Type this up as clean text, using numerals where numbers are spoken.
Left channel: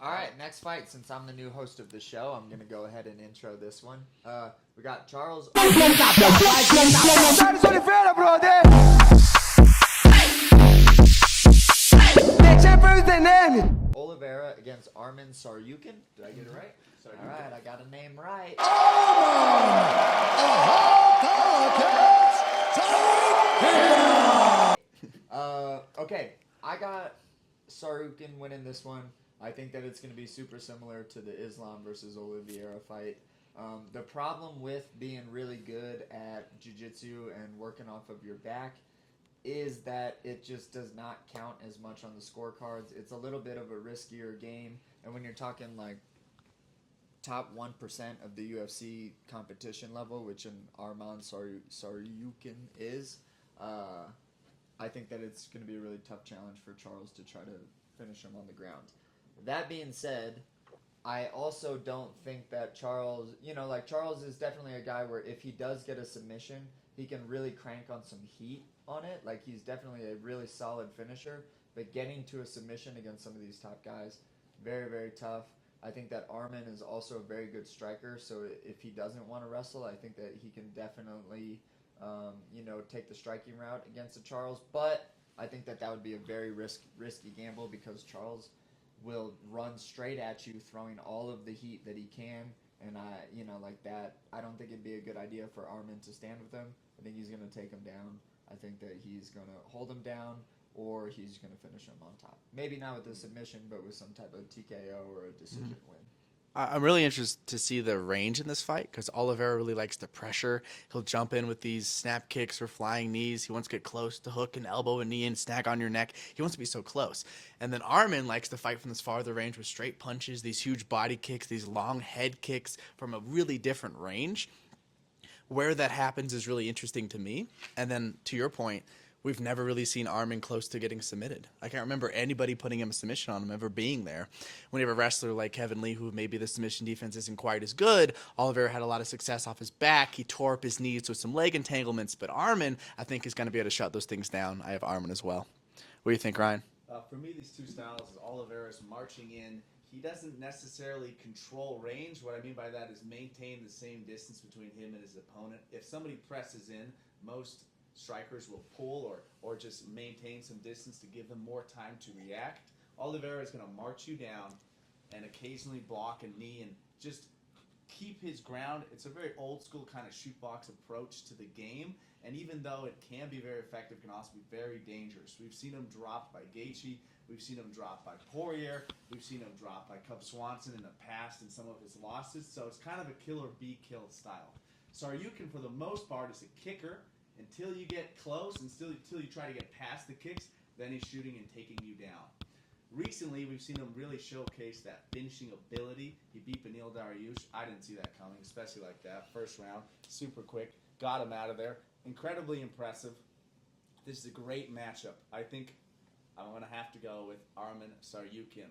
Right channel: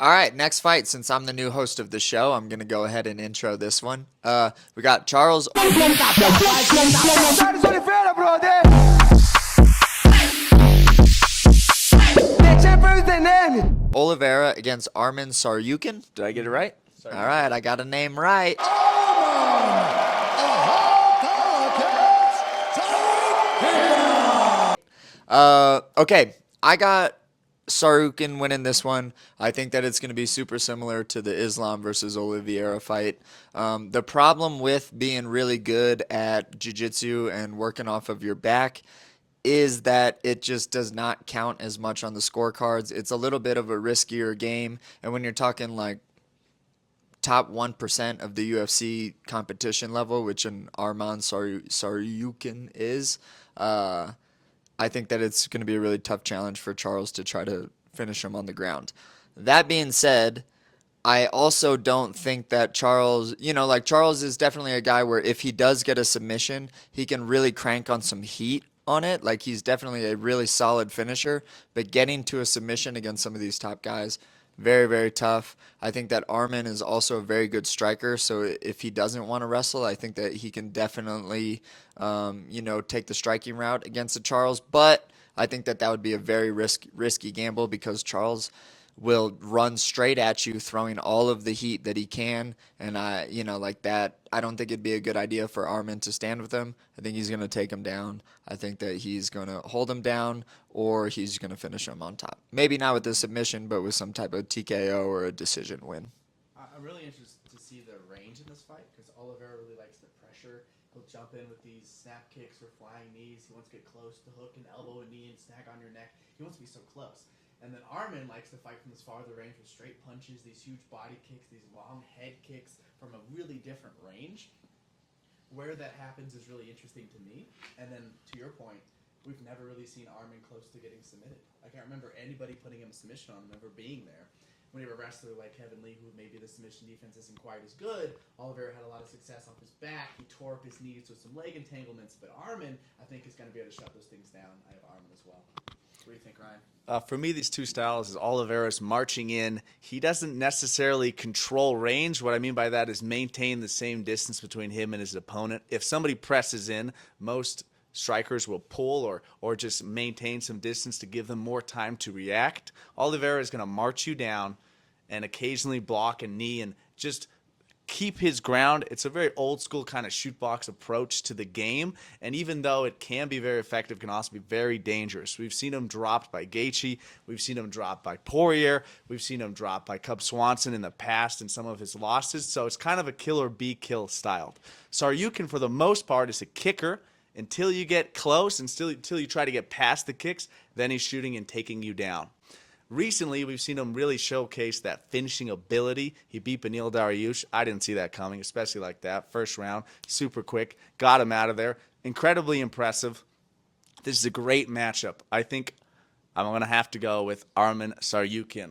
All right, next fight. Since I'm the new host of the show, I'm gonna go ahead and intro this one. We got Charles Olivieria, brother. Olivieria against Arman Tsarukyan. Did I get it right? All right, I got a name right. Okay, I got Tsarukyan winning this one. I think that it's going to be super similar to the Islam versus Olivieria fight. The problem with being really good at jiu-jitsu and working off of your back is that it just does not count as much on the scorecards. It's a little bit of a riskier game, and when you're talking like top 1% of the UFC competition level, which an Arman Tsarukyan is, I think that it's going to be a really tough challenge for Charles to try to finish him on the ground. That being said, I also don't think that Charles, like Charles is definitely a guy where if he does get a submission, he can really crank on some heat on it. Like he's definitely a really solid finisher, but getting to a submission against some of these top guys, very, very tough. I think that Arman is also a very good striker, so if he doesn't want to wrestle, I think that he can definitely, take the striking route against the Charles. But I think that that would be a very risky gamble because Charles will run straight at you, throwing all of the heat that he can. And like that, I don't think it'd be a good idea for Arman to stand with him. I think he's going to take him down. I think that he's going to hold him down or he's going to finish him on top. Maybe not with the submission, but with some type of TKO or a decision win. I'm really interested to see the range in this fight because Oliveira really likes the pressure. He'll jump in with these snap kicks or flying knees. He wants to get close to hook and elbow and knee and snag on your neck. He wants to be so close. And then Arman likes to fight from this farther range with straight punches, these huge body kicks, these long head kicks from a really different range. Where that happens is really interesting to me. And then to your point, we've never really seen Arman close to getting submitted. I can't remember anybody putting him a submission on him ever being there. When you have a wrestler like Kevin Lee, who maybe the submission defense isn't quite as good, Oliveira had a lot of success off his back. He tore up his knees with some leg entanglements. But Arman, I think, is going to be able to shut those things down. I have Arman as well. What do you think, Ryan? For me, these two styles is Oliveira's marching in. He doesn't necessarily control range. What I mean by that is maintain the same distance between him and his opponent. If somebody presses in, most strikers will pull or just maintain some distance to give them more time to react. Oliveira is going to march you down and occasionally block a knee and just keep his ground. It's a very old school kind of shoot box approach to the game, and even though it can be very effective, it can also be very dangerous. We've seen him dropped by Gaethje, we've seen him dropped by Poirier, we've seen him dropped by Cub Swanson in the past in some of his losses, so it's kind of a kill or be kill style. Tsarukyan, for the most part, is a kicker until you get close, until you try to get past the kicks, then he's shooting and taking you down. Recently, we've seen him really showcase that finishing ability. He beat Beneil Dariush. I didn't see that coming, especially like that. First round, super quick, got him out of there. Incredibly impressive. This is a great matchup. I think I'm going to have to go with Arman Tsarukyan.